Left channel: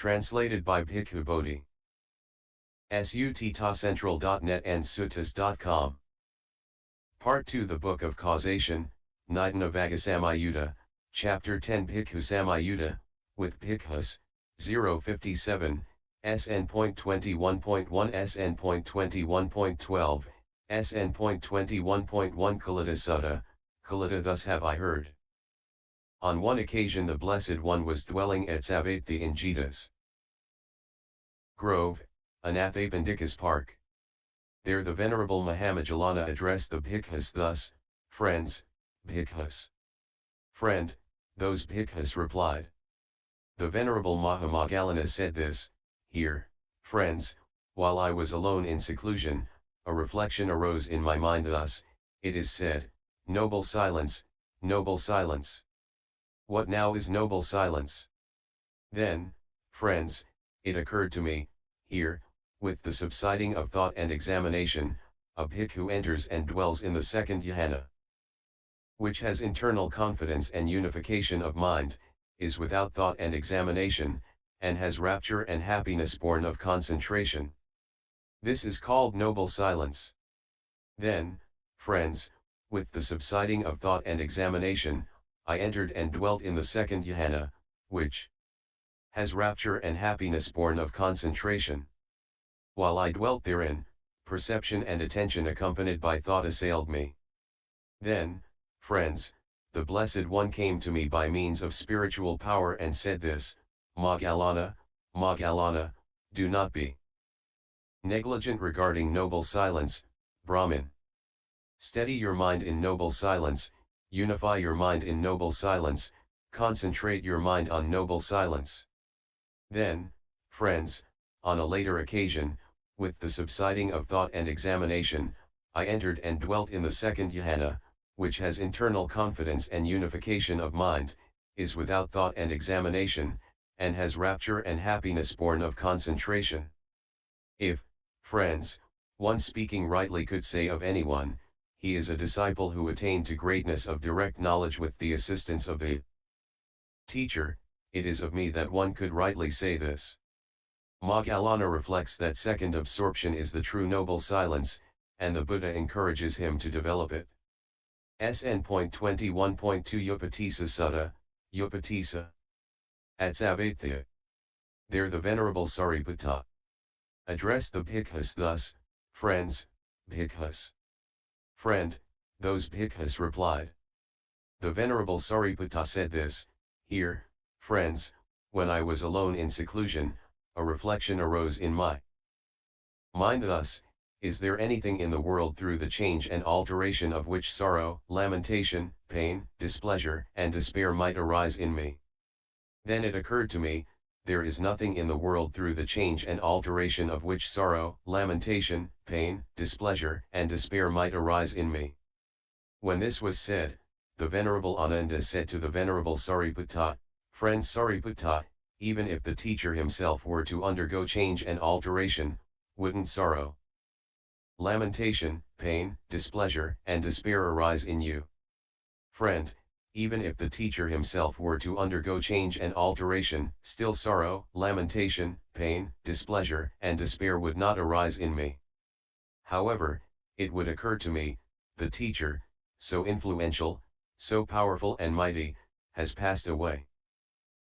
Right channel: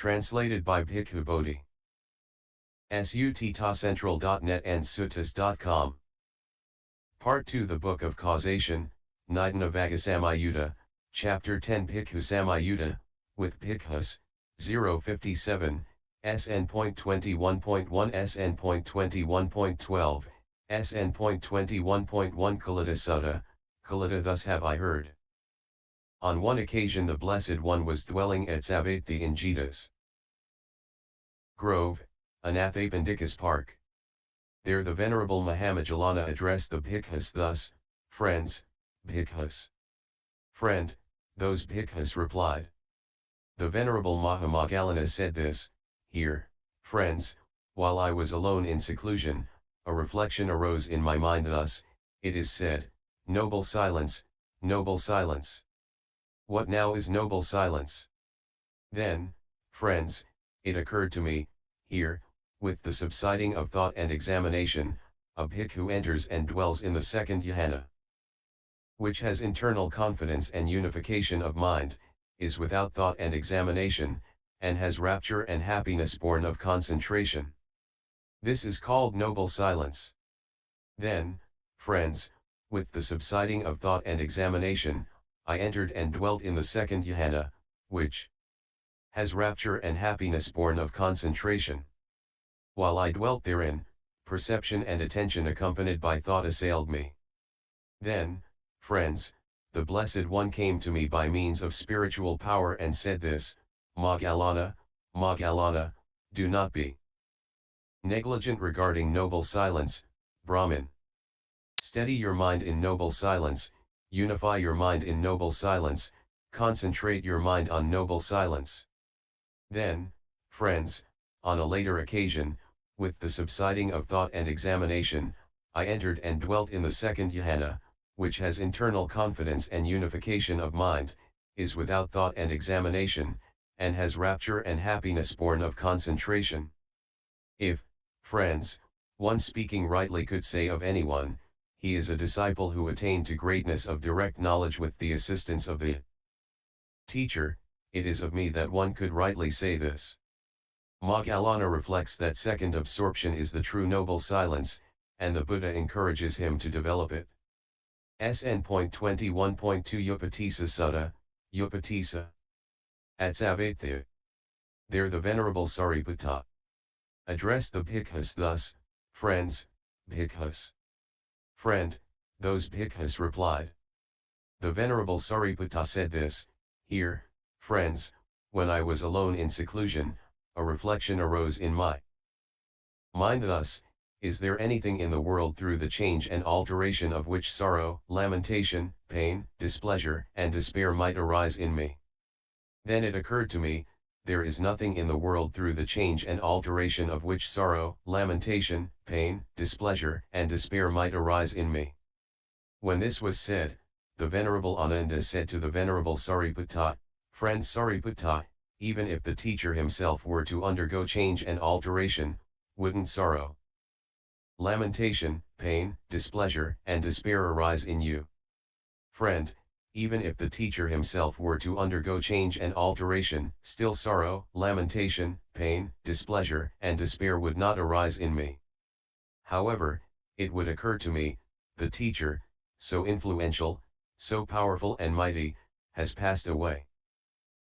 Translated by Bhikkhu Bodhi. Sutta.central.net and suttas.com. Part 2. The Book of Causation, Nidana Vaggasamyutta, Chapter 10. Bhikkhu-Samyutta, with Bhikkhus, 057, SN.21.1 SN.21.12, SN.21.1 Sutta, Kalita. Thus have I heard. On one occasion the Blessed One was dwelling at Savatthi in Jhana's Grove, Anathapindika's Park. There the Venerable Maha-moggallana addressed the Bhikkhus thus: "Friends, Bhikkhus." "Friend," those Bhikkhus replied. The Venerable Maha-moggallana said this: "Here, friends, while I was alone in seclusion, a reflection arose in my mind thus: it is said, noble silence, noble silence. What now is noble silence?" Then, friends, it occurred to me, here, with the subsiding of thought and examination, a bhikkhu enters and dwells in the second jhana, which has internal confidence and unification of mind, is without thought and examination, and has rapture and happiness born of concentration. This is called noble silence. Then, friends, with the subsiding of thought and examination, I entered and dwelt in the second jhana, which has rapture and happiness born of concentration. While I dwelt therein, perception and attention accompanied by thought assailed me. Then, friends, the Blessed One came to me by means of spiritual power and said this: "Moggallana, Moggallana, do not be negligent regarding noble silence, Brahmin. Steady your mind in noble silence, unify your mind in noble silence, concentrate your mind on noble silence." Then, friends, on a later occasion, with the subsiding of thought and examination, I entered and dwelt in the second jhana, which has internal confidence and unification of mind, is without thought and examination, and has rapture and happiness born of concentration. If, friends, one speaking rightly could say of anyone, he is a disciple who attained to greatness of direct knowledge with the assistance of the teacher, it is of me that one could rightly say this. Moggallana reflects that second absorption is the true noble silence, and the Buddha encourages him to develop it. SN.21.2 Upatissa Sutta, Upatissa. At Savatthi. There the Venerable Sariputta addressed the Bhikkhus thus: "Friends, Bhikkhus." "Friend," those Bhikkhus replied. The Venerable Sariputta said this: "Here, friends, when I was alone in seclusion, a reflection arose in my mind thus: is there anything in the world through the change and alteration of which sorrow, lamentation, pain, displeasure, and despair might arise in me? Then it occurred to me, there is nothing in the world through the change and alteration of which sorrow, lamentation, pain, displeasure, and despair might arise in me." When this was said, the Venerable Ananda said to the Venerable Sariputta: "Friend Sariputta, even if the teacher himself were to undergo change and alteration, wouldn't sorrow, lamentation, pain, displeasure, and despair arise in you?" "Friend, even if the teacher himself were to undergo change and alteration, still sorrow, lamentation, pain, displeasure, and despair would not arise in me. However, it would occur to me, the teacher, so influential, so powerful and mighty, has passed away.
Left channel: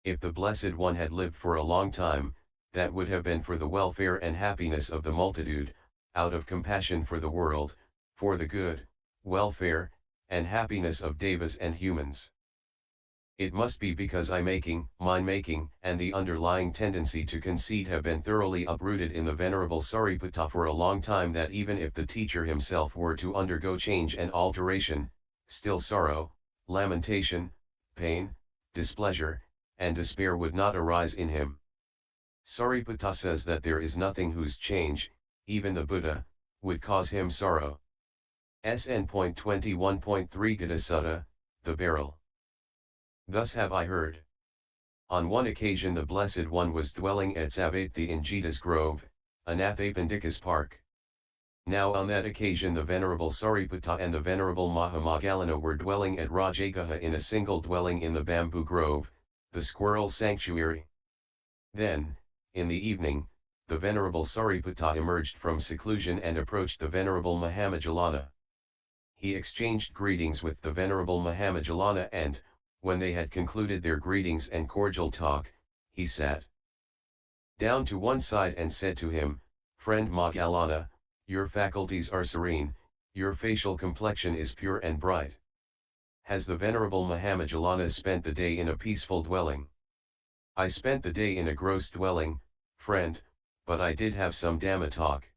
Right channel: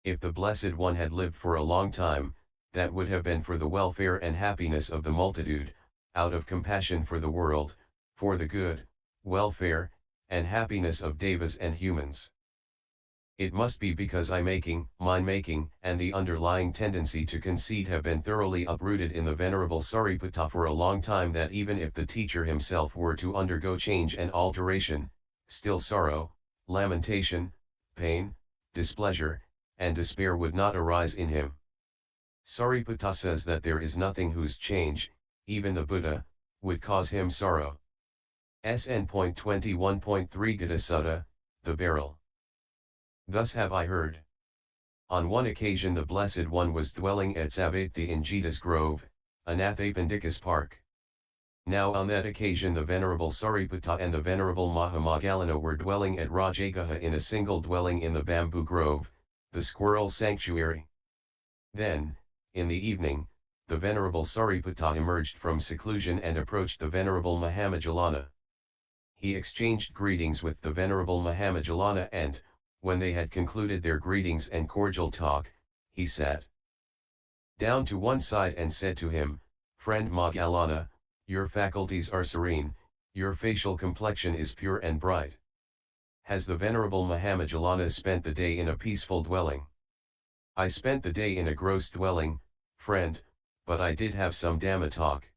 If the Blessed One had lived for a long time, that would have been for the welfare and happiness of the multitude, out of compassion for the world, for the good, welfare, and happiness of devas and humans. It must be because mind-making, and the underlying tendency to conceit have been thoroughly uprooted in the Venerable Sariputta for a long time that even if the teacher himself were to undergo change and alteration, still sorrow, lamentation, pain, displeasure, and despair would not arise in him." Sariputta says that there is nothing whose change, even the Buddha, would cause him sorrow. SN.21.3 Sutta, the Barrel. Thus have I heard. On one occasion the Blessed One was dwelling at Savatthi in Jhana's Grove, Anathapindika's Park. Now on that occasion the Venerable Sariputta and the Venerable Maha-moggallana were dwelling at Rajagaha in a single dwelling in the bamboo grove, the squirrel sanctuary. Then, In the evening, the Venerable Sariputta emerged from seclusion and approached the Venerable Maha-moggallana. He exchanged greetings with the Venerable Maha-moggallana and, when they had concluded their greetings and cordial talk, he sat down to one side and said to him, "Friend Moggallana, your faculties are serene, your facial complexion is pure and bright. Has the Venerable Maha-moggallana spent the day in a peaceful dwelling?" "I spent the day in a gross dwelling, friend, but I did have some Dhamma talk."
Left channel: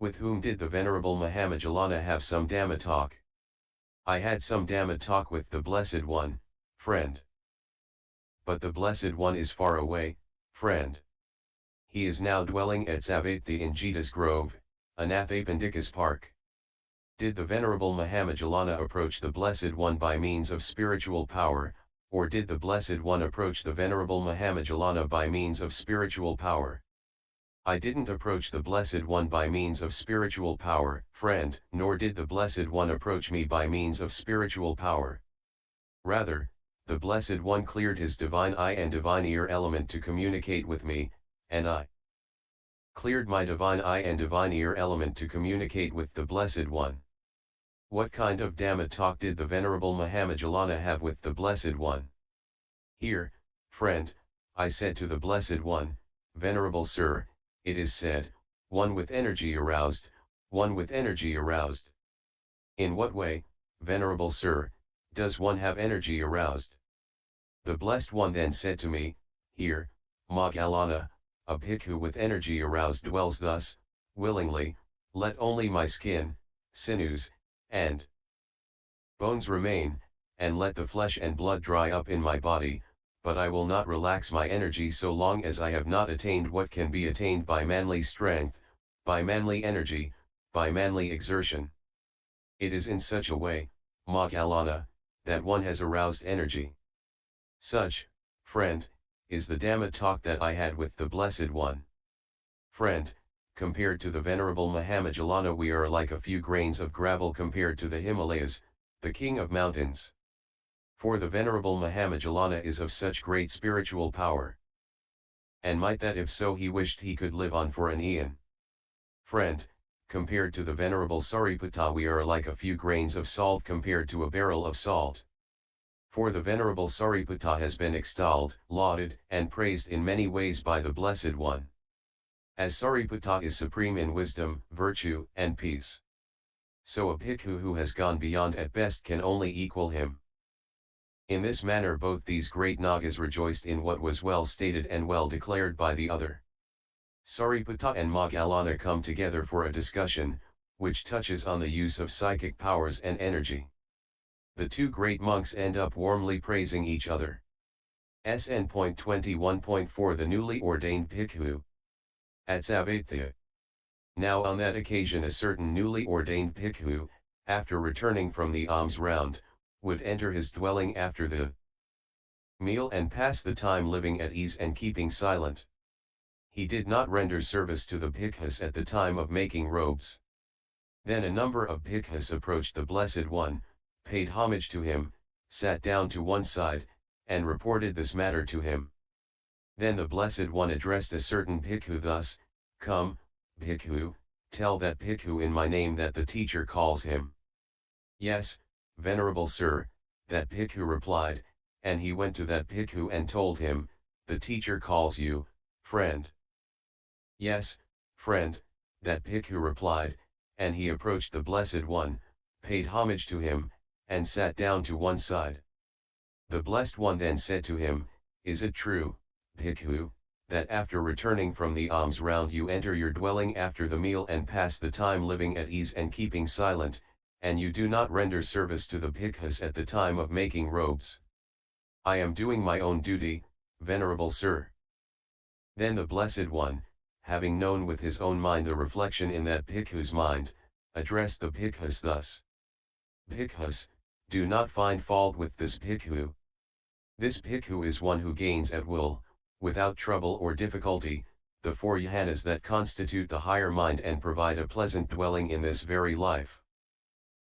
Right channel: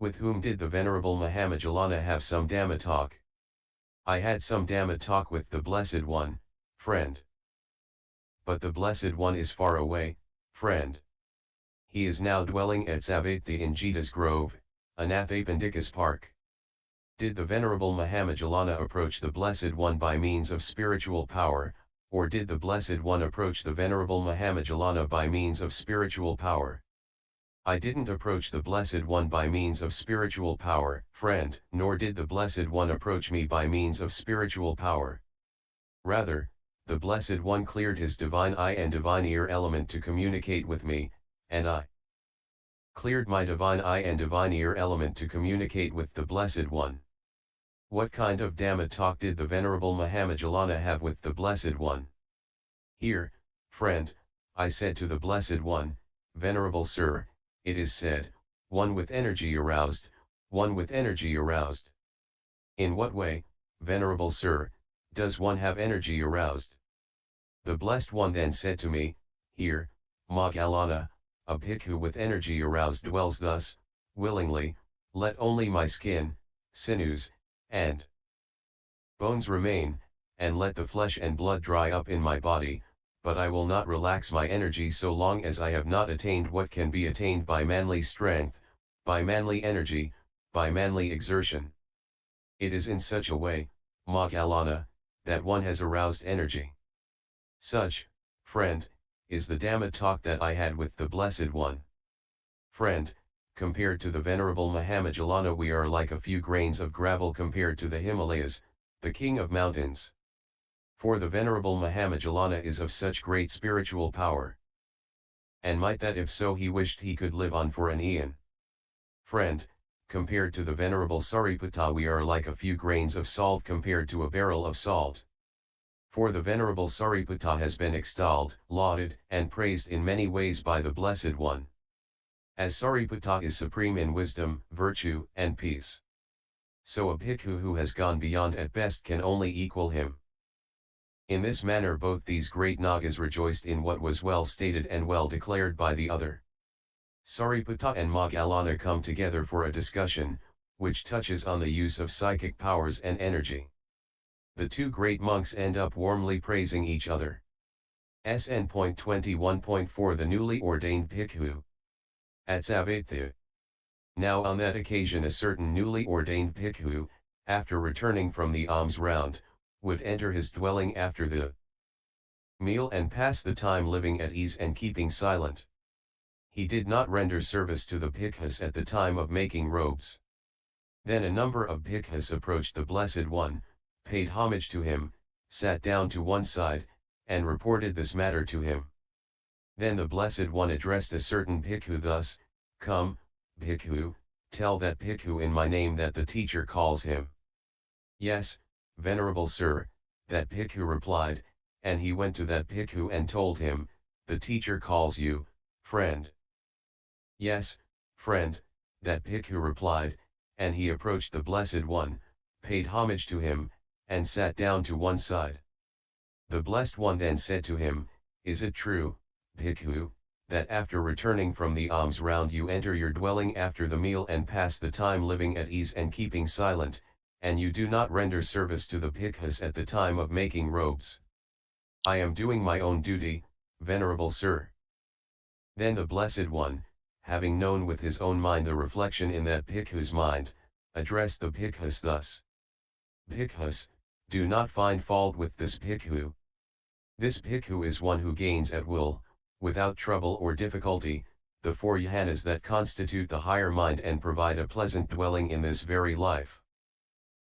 "With whom did the Venerable Maha-moggallana have some Dhamma talk?" "I had some Dhamma talk with the Blessed One, friend." "But the Blessed One is far away, friend." "He is now dwelling at Savatthi in Jita's Grove, Anathapindika's Park." "Did the Venerable Maha-moggallana approach the Blessed One by means of spiritual power, or did the Blessed One approach the Venerable Maha-moggallana by means of spiritual power?" "I didn't approach the Blessed One by means of spiritual power, friend, nor did the Blessed One approach me by means of spiritual power. Rather, the Blessed One cleared his divine eye and divine ear element to communicate with me, and I cleared my divine eye and divine ear element to communicate with the Blessed One." "What kind of Dhamma talk did the Venerable Maha-moggallana have with the Blessed One?" "Here, friend, I said to the Blessed One, 'Venerable Sir, it is said, one with energy aroused, one with energy aroused.' In what way, Venerable Sir, does one have energy aroused?" The Blessed One then said to me, "Here, Moggallana, a bhikkhu with energy aroused dwells thus, willingly, let only my skin, sinews, and bones remain, and let the flesh and blood dry up in my body, but I will not relax my energy so long as I have not attained what can be attained by manly strength, by manly energy, by manly exertion. It is in such a way, Moggallana, that one has aroused energy. Such, friend, is the Dhamma talk that I had with the Blessed One. Friend, compared to the Venerable Maha-moggallana we are like a few grains of gravel compared to the Himalayas, the king of mountains. For the Venerable Maha-moggallana is of such great spiritual power. And might that if so he wished he could live on for an eon. Friend, compared to the Venerable Sariputta we are like a few grains of salt compared to a barrel of salt. For the Venerable Sariputta has been extolled, lauded, and praised in many ways by the Blessed One. As Sariputta is supreme in wisdom, virtue, and peace, so a bhikkhu who has gone beyond at best can only equal him. In this manner both these great Nagas rejoiced in what was well stated and well declared by the other. Sariputta and Moggallana come together for a discussion, which touches on the use of psychic powers and energy. The two great monks end up warmly praising each other. SN.21.4 The newly ordained bhikkhu at Savatthi. Now on that occasion a certain newly ordained bhikkhu, after returning from the alms round, would enter his dwelling after the meal and pass the time living at ease and keeping silent. He did not render service to the Bhikkhus at the time of making robes. Then a number of Bhikkhus approached the Blessed One, paid homage to him, sat down to one side, and reported this matter to him. Then the Blessed One addressed a certain bhikkhu thus, "Come, bhikkhu, tell that bhikkhu in my name that the teacher calls him." "Yes, Venerable Sir," that bhikkhu replied, and he went to that bhikkhu and told him, "The teacher calls you, friend." "Yes, friend," that bhikkhu replied, and he approached the Blessed One, paid homage to him, and sat down to one side. The Blessed One then said to him, "Is it true, bhikkhu, that after returning from the alms round you enter your dwelling after the meal and pass the time living at ease and keeping silent, and you do not render service to the bhikkhus at the time of making robes?" "I am doing my own duty, Venerable Sir." Then the Blessed One, having known with his own mind the reflection in that bhikkhu's mind, addressed the bhikkhus thus: "Bhikkhus, do not find fault with this bhikkhu. This bhikkhu is one who gains at will, without trouble or difficulty, the four jhanas that constitute the higher mind and provide a pleasant dwelling in this very life.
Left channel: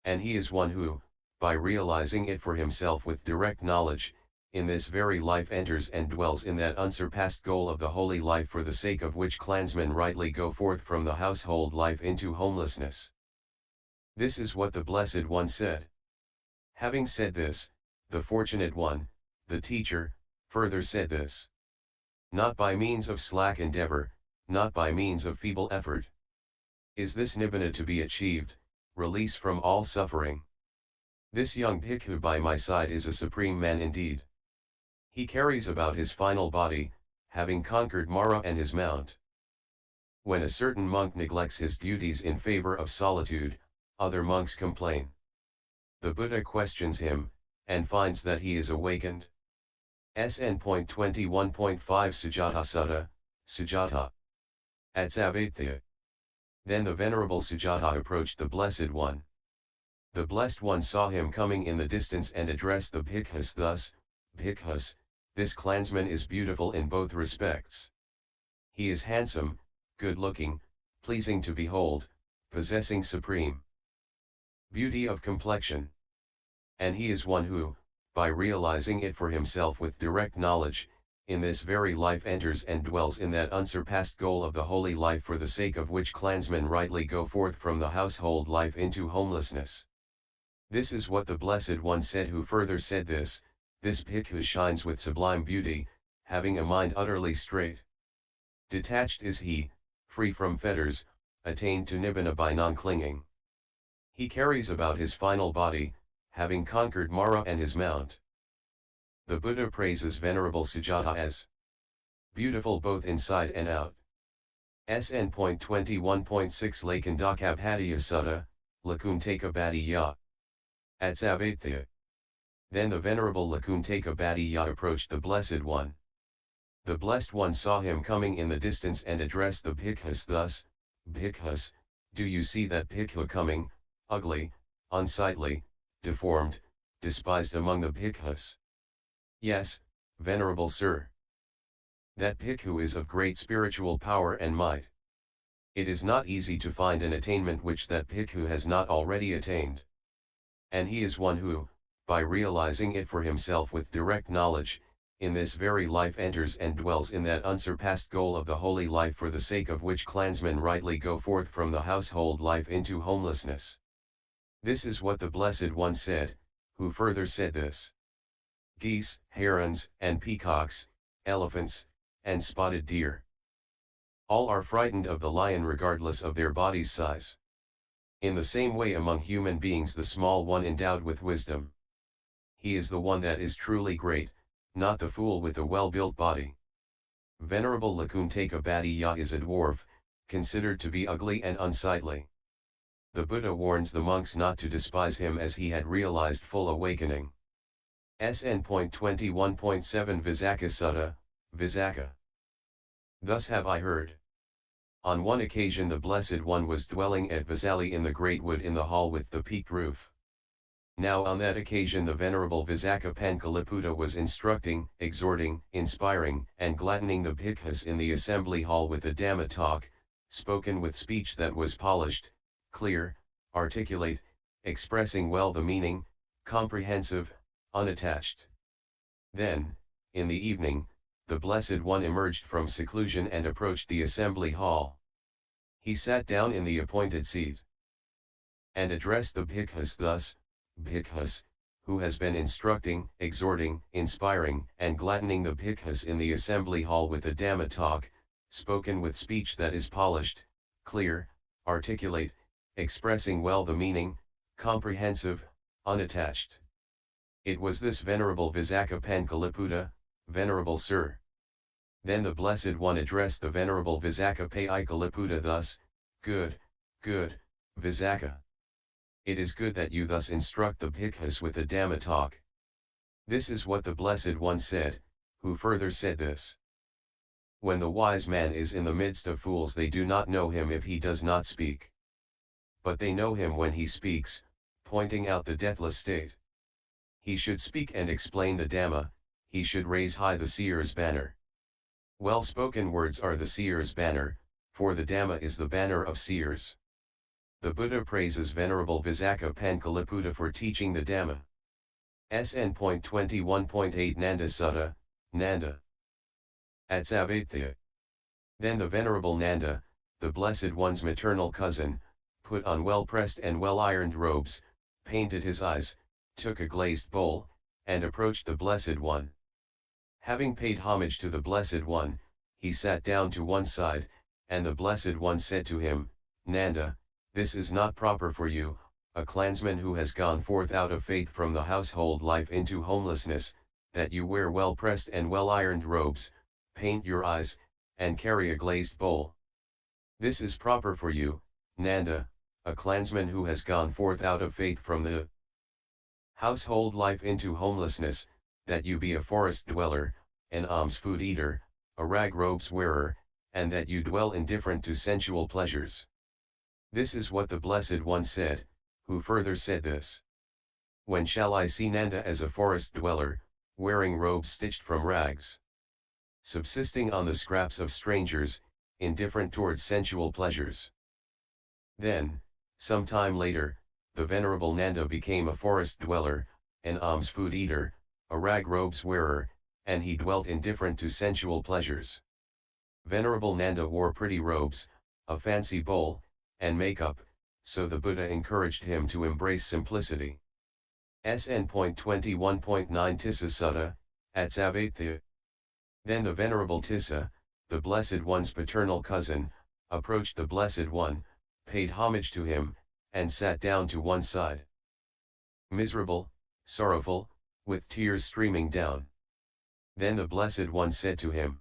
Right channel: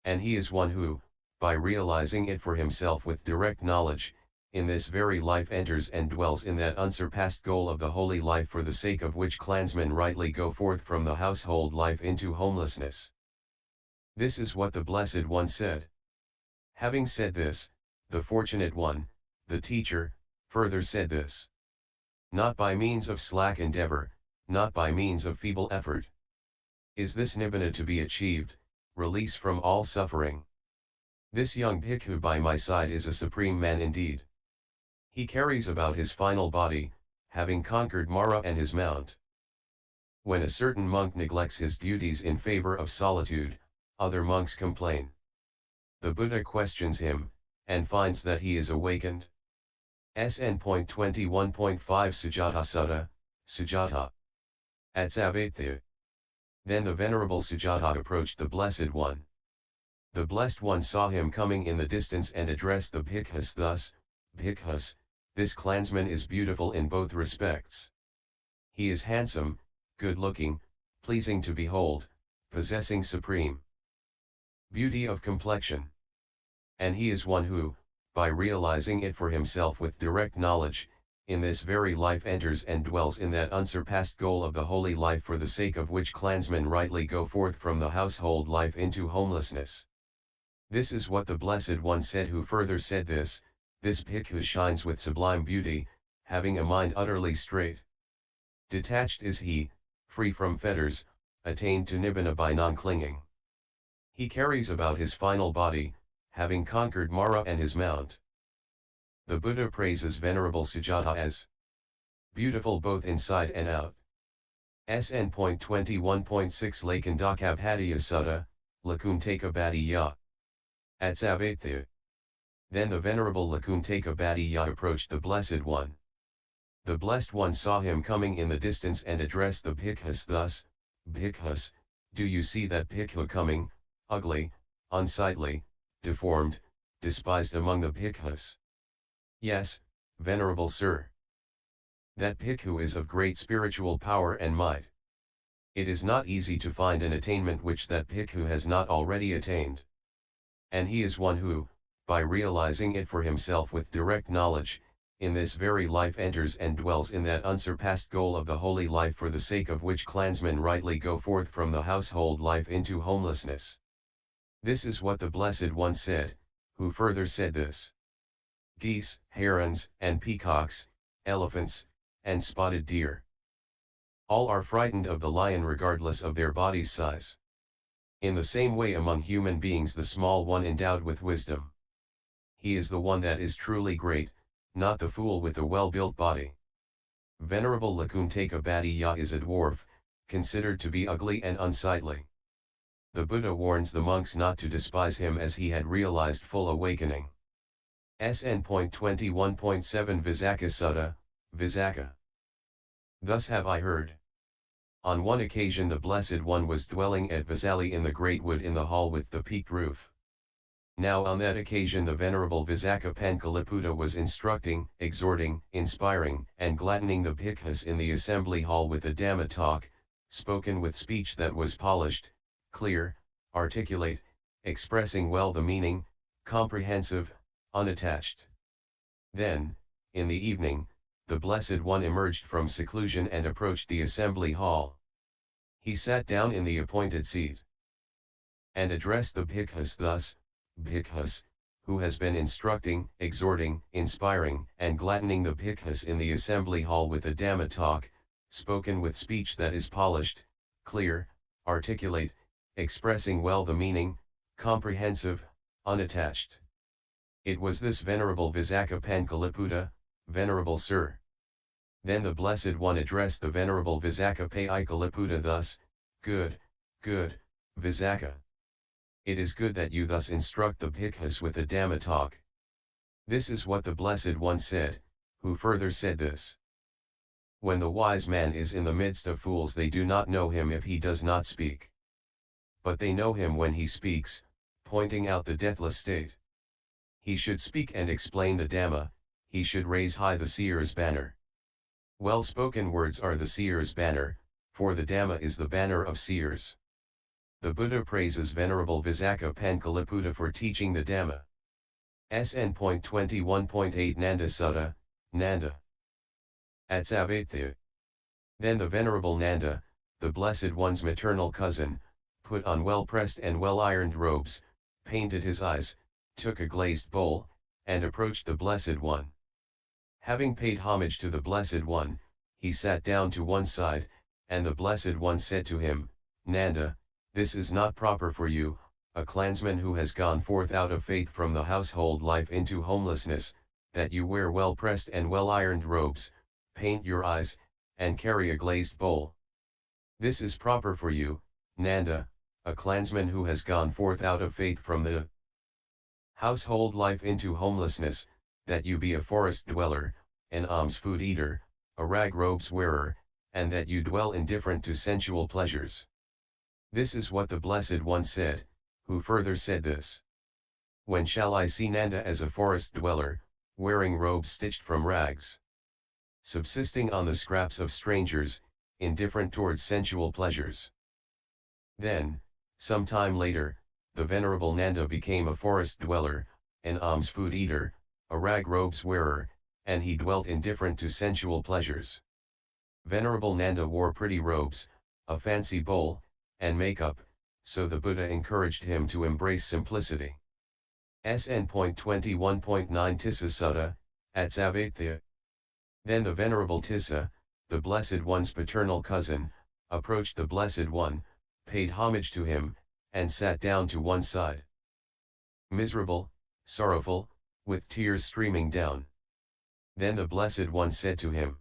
And he is one who, by realizing it for himself with direct knowledge, in this very life enters and dwells in that unsurpassed goal of the holy life for the sake of which clansmen rightly go forth from the household life into homelessness. This is what the Blessed One said. Having said this, the Fortunate One, the teacher, further said this. Not by means of slack endeavor, not by means of feeble effort, is this Nibbana to be achieved, release from all suffering. This young bhikkhu by my side is a supreme man indeed. He carries about his final body, having conquered Mara and his mount. When a certain monk neglects his duties in favor of solitude, other monks complain. The Buddha questions him, and finds that he is awakened. SN.21.5 Sujata Sutta, Sujata. At Savatya. Then the Venerable Sujata approached the Blessed One. The Blessed One saw him coming in the distance and addressed the Bhikkhus thus, Bhikkhus, this clansman is beautiful in both respects. He is handsome, good-looking, pleasing to behold, possessing supreme beauty of complexion. And he is one who, by realizing it for himself with direct knowledge, in this very life enters and dwells in that unsurpassed goal of the holy life for the sake of which clansmen rightly go forth from the household life into homelessness. This is what the Blessed One said, who further said this bhikkhu shines with sublime beauty, having a mind utterly straight. Detached is he, free from fetters, attained to Nibbana by non-clinging. He carries about his final body, having conquered Mara and his mount. The Buddha praises Venerable Sujata as beautiful both inside and out. SN.21.6 Lakandakabhatiya Sutta, Lakuntaka At Savatya. Then the Venerable Lakuntaka approached the Blessed One. The Blessed One saw him coming in the distance and addressed the Bhikkhus thus, Bhikkhus, do you see that bhikkhu coming, ugly, unsightly, deformed, despised among the Bhikkhus? Yes, Venerable Sir. That bhikkhu is of great spiritual power and might. It is not easy to find an attainment which that bhikkhu has not already attained. And he is one who, by realizing it for himself with direct knowledge, in this very life enters and dwells in that unsurpassed goal of the holy life for the sake of which clansmen rightly go forth from the household life into homelessness. This is what the Blessed One said, who further said this. Geese, herons, and peacocks, elephants, and spotted deer. All are frightened of the lion regardless of their body's size. In the same way among human beings the small one endowed with wisdom. He is the one that is truly great, not the fool with a well-built body. Venerable Lakuntaka is a dwarf, considered to be ugly and unsightly. The Buddha warns the monks not to despise him as he had realized full awakening. SN.21.7 Vagga Sutta, Vagga. Thus have I heard. On one occasion the Blessed One was dwelling at Vasali in the great wood in the hall with the peaked roof. Now on that occasion the Venerable Vaggasamyutta was instructing, exhorting, inspiring, and gladdening the Bhikkhus in the assembly hall with a Dhamma talk, spoken with speech that was polished, clear, articulate, expressing well the meaning, comprehensive, unattached. Then, in the evening, the Blessed One emerged from seclusion and approached the assembly hall. He sat down in the appointed seat and addressed the Bhikkhus thus, Bhikkhus, who has been instructing, exhorting, inspiring, and gladdening the Bhikkhus in the assembly hall with a Dhamma talk, spoken with speech that is polished, clear, articulate, expressing well the meaning, comprehensive, unattached. It was this Venerable Vaggasamyutta, Venerable Sir. Then the Blessed One addressed the Venerable Vaggasamyutta thus, Good, good, Vagga. It is good that you thus instruct the Bhikkhus with a Dhamma talk. This is what the Blessed One said, who further said this. When the wise man is in the midst of fools they do not know him if he does not speak. But they know him when he speaks, pointing out the deathless state. He should speak and explain the Dhamma, he should raise high the seer's banner. Well-spoken words are the seer's banner, for the Dhamma is the banner of seers. The Buddha praises Venerable Vaggasamyutta for teaching the Dhamma. SN.21.8 Nanda Sutta, Nanda. At Savatya. Then the Venerable Nanda, the Blessed One's maternal cousin, put on well-pressed and well-ironed robes, painted his eyes, took a glazed bowl, and approached the Blessed One. Having paid homage to the Blessed One, he sat down to one side, and the Blessed One said to him, Nanda, this is not proper for you, a clansman who has gone forth out of faith from the household life into homelessness, that you wear well-pressed and well-ironed robes, paint your eyes, and carry a glazed bowl. This is proper for you, Nanda, a clansman who has gone forth out of faith from the household life into homelessness, that you be a forest dweller, an alms food eater, a rag robes wearer, and that you dwell indifferent to sensual pleasures. This is what the Blessed One said, who further said this. When shall I see Nanda as a forest dweller, wearing robes stitched from rags, subsisting on the scraps of strangers, indifferent towards sensual pleasures? Then, some time later, the Venerable Nanda became a forest dweller, an alms food eater, a rag robes wearer, and he dwelt indifferent to sensual pleasures. Venerable Nanda wore pretty robes, a fancy bowl, and makeup, so the Buddha encouraged him to embrace simplicity. SN.21.9 Tissa Sutta, at Savatya. Then the Venerable Tissa, the Blessed One's paternal cousin, approached the Blessed One, paid homage to him, and sat down to one side. Miserable, sorrowful, with tears streaming down. Then the Blessed One said to him,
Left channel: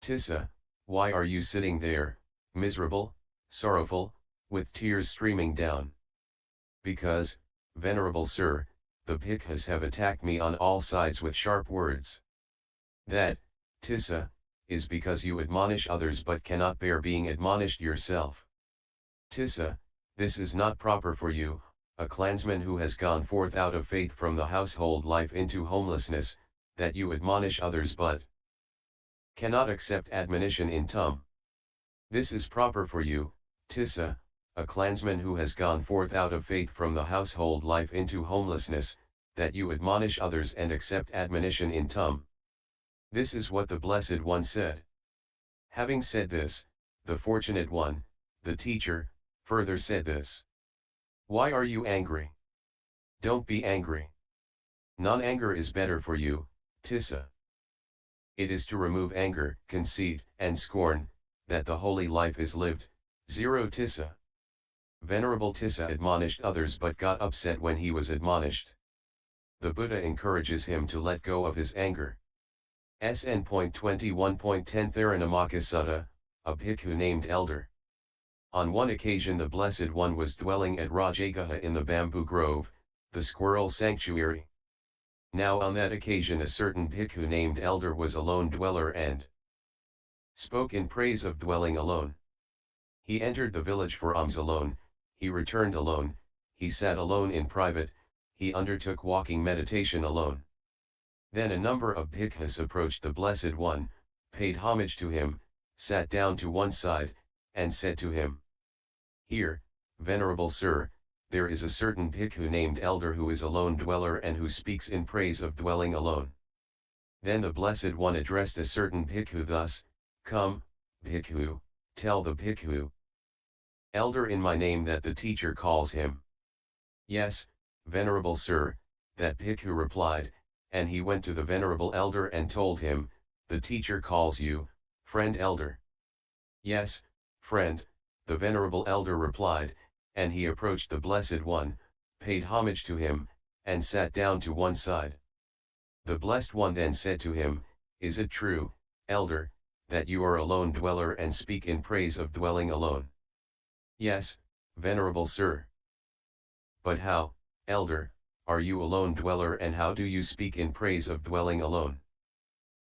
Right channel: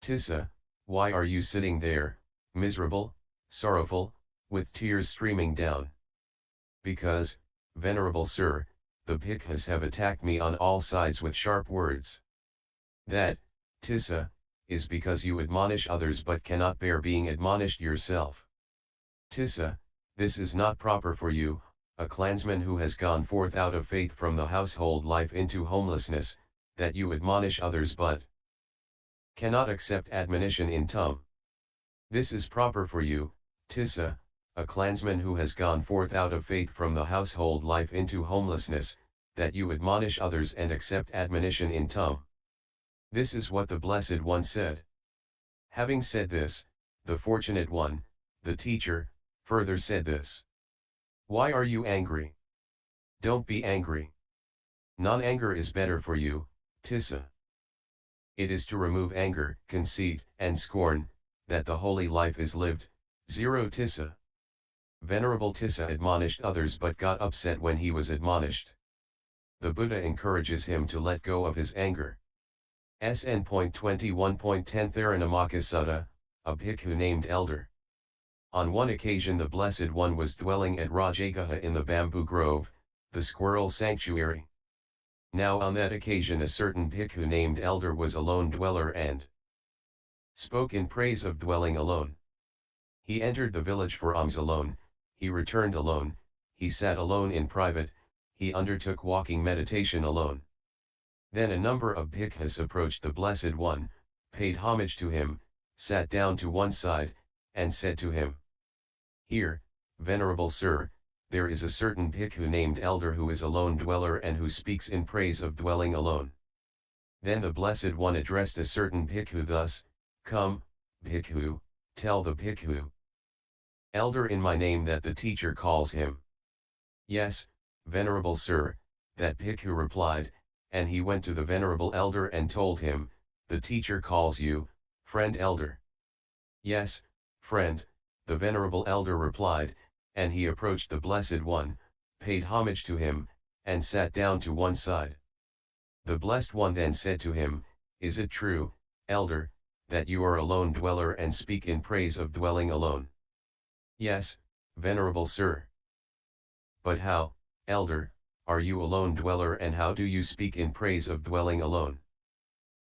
Tissa, why are you sitting there, miserable, sorrowful, with tears streaming down? Because, Venerable Sir, the Bhikkhus have attacked me on all sides with sharp words. That, Tissa, is because you admonish others but cannot bear being admonished yourself. Tissa, this is not proper for you, a clansman who has gone forth out of faith from the household life into homelessness, that you admonish others but cannot accept admonition in tum. This is proper for you, Tissa, a clansman who has gone forth out of faith from the household life into homelessness, that you admonish others and accept admonition in tum. This is what the Blessed One said. Having said this, the Fortunate One, the teacher, further said this. Why are you angry? Don't be angry. Non-anger is better for you, Tissa. It is to remove anger, conceit, and scorn, that the holy life is lived. 0 Tissa. Venerable Tissa admonished others but got upset when he was admonished. The Buddha encourages him to let go of his anger. SN.21.10 Therein Sutta, a bhikkhu named Elder. On one occasion the Blessed One was dwelling at Rajagaha in the bamboo grove, the squirrel sanctuary. Now on that occasion a certain bhikkhu named Elder was a lone dweller and spoke in praise of dwelling alone. He entered the village for alms alone, he returned alone, he sat alone in private, he undertook walking meditation alone. Then a number of bhikkhus approached the Blessed One, paid homage to him, sat down to one side, and said to him, Here, Venerable Sir, there is a certain bhikkhu named Elder who is a lone dweller and who speaks in praise of dwelling alone. Then the Blessed One addressed a certain bhikkhu thus, Come, bhikkhu, tell the bhikkhu Elder in my name that the teacher calls him. Yes, Venerable Sir, that bhikkhu replied, and he went to the Venerable Elder and told him, The teacher calls you, friend Elder. Yes, friend, the Venerable Elder replied, and he approached the Blessed One, paid homage to him, and sat down to one side. The Blessed One then said to him, Is it true, Elder, that you are a lone dweller and speak in praise of dwelling alone? Yes, Venerable Sir. But how, Elder, are you a lone dweller and how do you speak in praise of dwelling alone?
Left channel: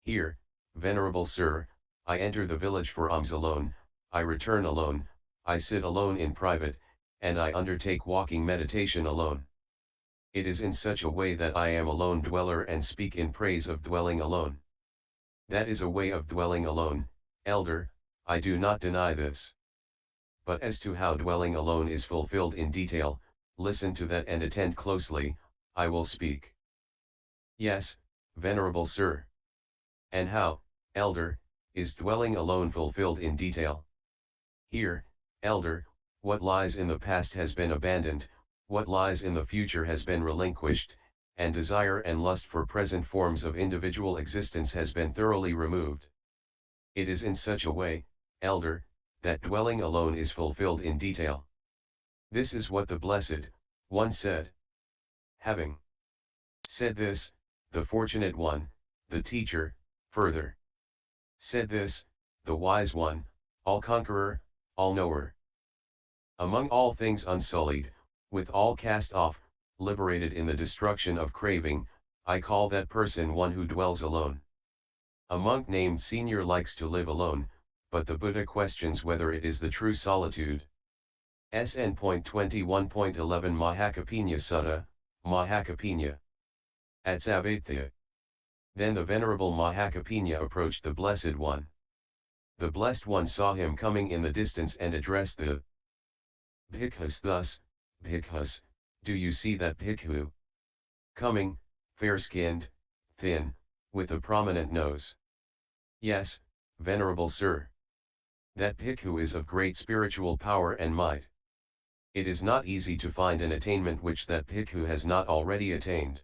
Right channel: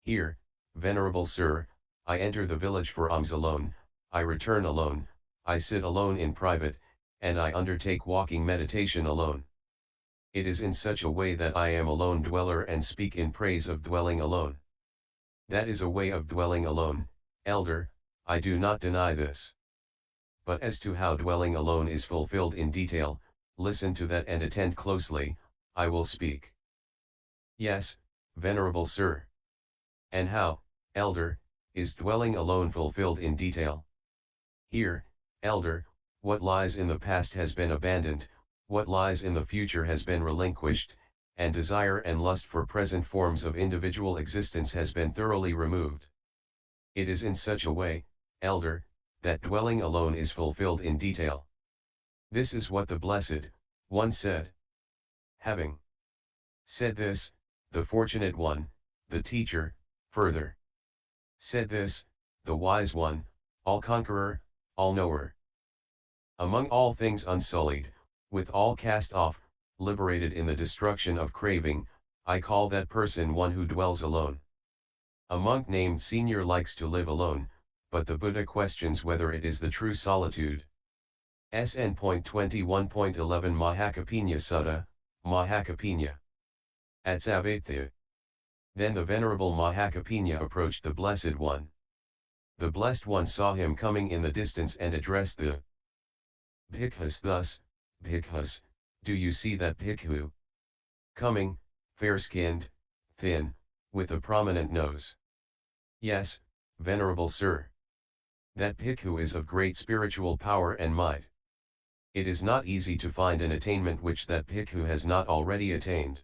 Here, Venerable Sir, I enter the village for alms alone, I return alone, I sit alone in private, and I undertake walking meditation alone. It is in such a way that I am a lone dweller and speak in praise of dwelling alone. That is a way of dwelling alone, Elder, I do not deny this. But as to how dwelling alone is fulfilled in detail, listen to that and attend closely, I will speak. Yes, Venerable Sir. And how, Elder, is dwelling alone fulfilled in detail? Here, Elder, what lies in the past has been abandoned, what lies in the future has been relinquished, and desire and lust for present forms of individual existence has been thoroughly removed. It is in such a way, Elder, that dwelling alone is fulfilled in detail. This is what the Blessed One said. Having said this, the Fortunate One, the Teacher, further said this, the Wise One, all-conqueror, all-knower. Among all things unsullied, with all cast off, liberated in the destruction of craving, I call that person one who dwells alone. A monk named Senior likes to live alone, but the Buddha questions whether it is the true solitude. SN.21.1-11 Mahakapinya Sutta, Mahakapinya. At Savatthya. Then the Venerable Mahakapinya approached the Blessed One. The Blessed One saw him coming in the distance and addressed the Bhikkhus thus, Bhikkhus, do you see that Bhikkhu? Coming, fair-skinned, thin, with a prominent nose. Yes, Venerable Sir. That Bhikkhu is of great spiritual power and might. It is not easy to find an attainment which that Bhikkhu has not already attained.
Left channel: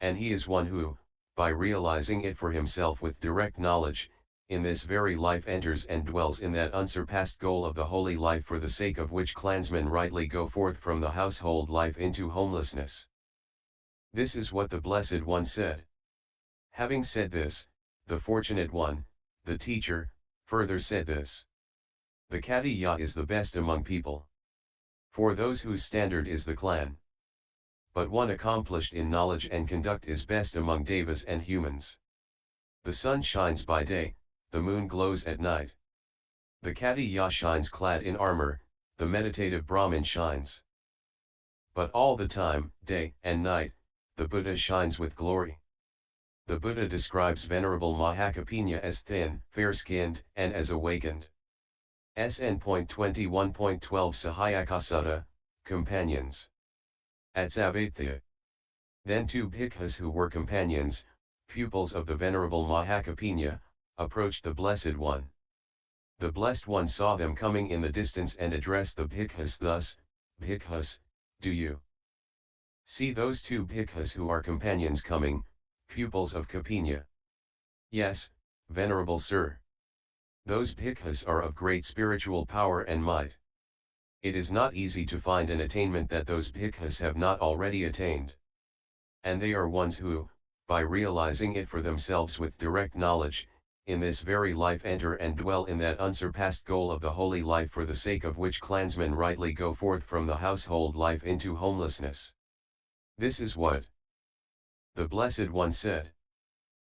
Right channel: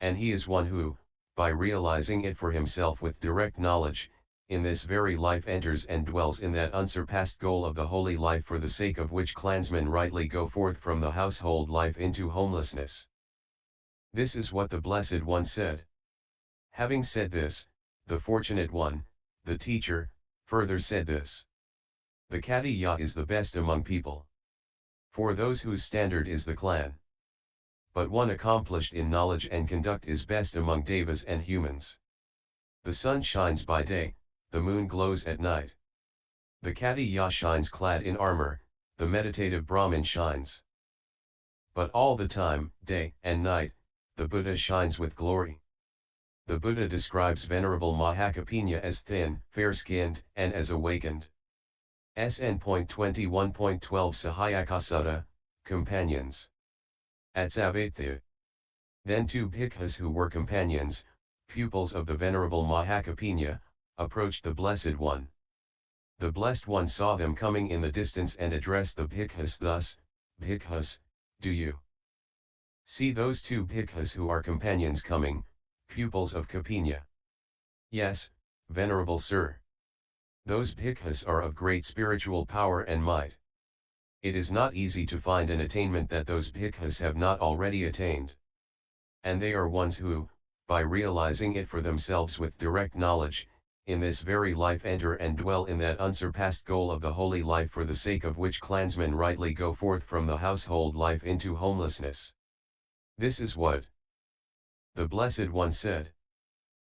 And he is one who, by realizing it for himself with direct knowledge, in this very life enters and dwells in that unsurpassed goal of the holy life for the sake of which clansmen rightly go forth from the household life into homelessness. This is what the Blessed One said. Having said this, the Fortunate One, the Teacher, further said this. The Katiya is the best among people. For those whose standard is the clan. But one accomplished in knowledge and conduct is best among devas and humans. The sun shines by day, the moon glows at night. The Katiya shines clad in armor, the meditative Brahmin shines. But all the time, day and night, the Buddha shines with glory. The Buddha describes Venerable Mahakapinya as thin, fair-skinned, and as awakened. SN.21.12 Sahayaka Sutta, Companions. At Savatthya. Then two Bhikkhus who were companions, pupils of the Venerable Mahakapinya, approached the Blessed One. The Blessed One saw them coming in the distance and addressed the Bhikkhus thus, Bhikkhus, do you see those two Bhikkhus who are companions coming, pupils of Kapinya? Yes, Venerable Sir. Those Bhikkhus are of great spiritual power and might. It is not easy to find an attainment that those Bhikkhus have not already attained. And they are ones who, by realizing it for themselves with direct knowledge, in this very life enter and dwell in that unsurpassed goal of the holy life for the sake of which clansmen rightly go forth from the household life into homelessness. This is what the Blessed One said.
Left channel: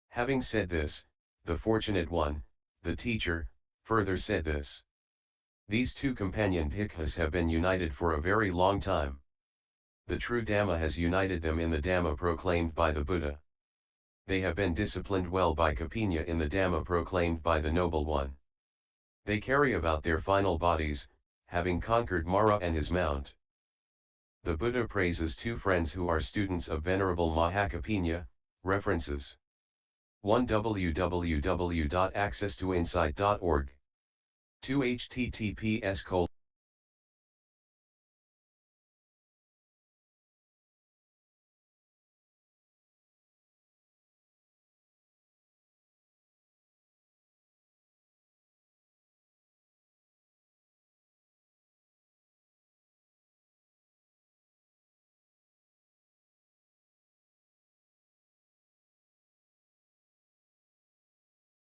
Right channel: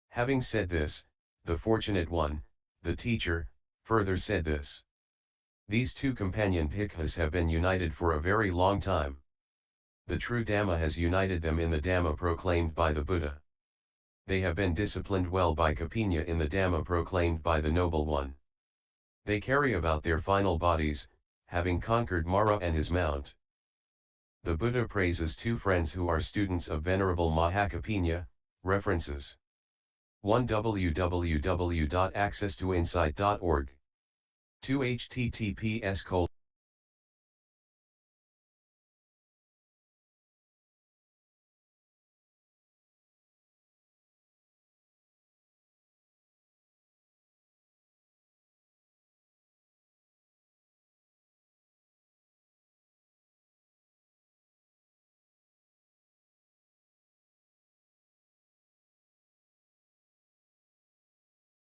Having said this, the Fortunate One, the Teacher, further said this. These two companion Bhikkhus have been united for a very long time. The true Dhamma has united them in the Dhamma proclaimed by the Buddha. They have been disciplined well by Kapinya in the Dhamma proclaimed by the Noble One. They carry about their final bodies, having conquered Mara and his mount. The Buddha praises two friends who are students of Venerable Mahakapinya. References 1. www.accesstoinsight.org 2. https://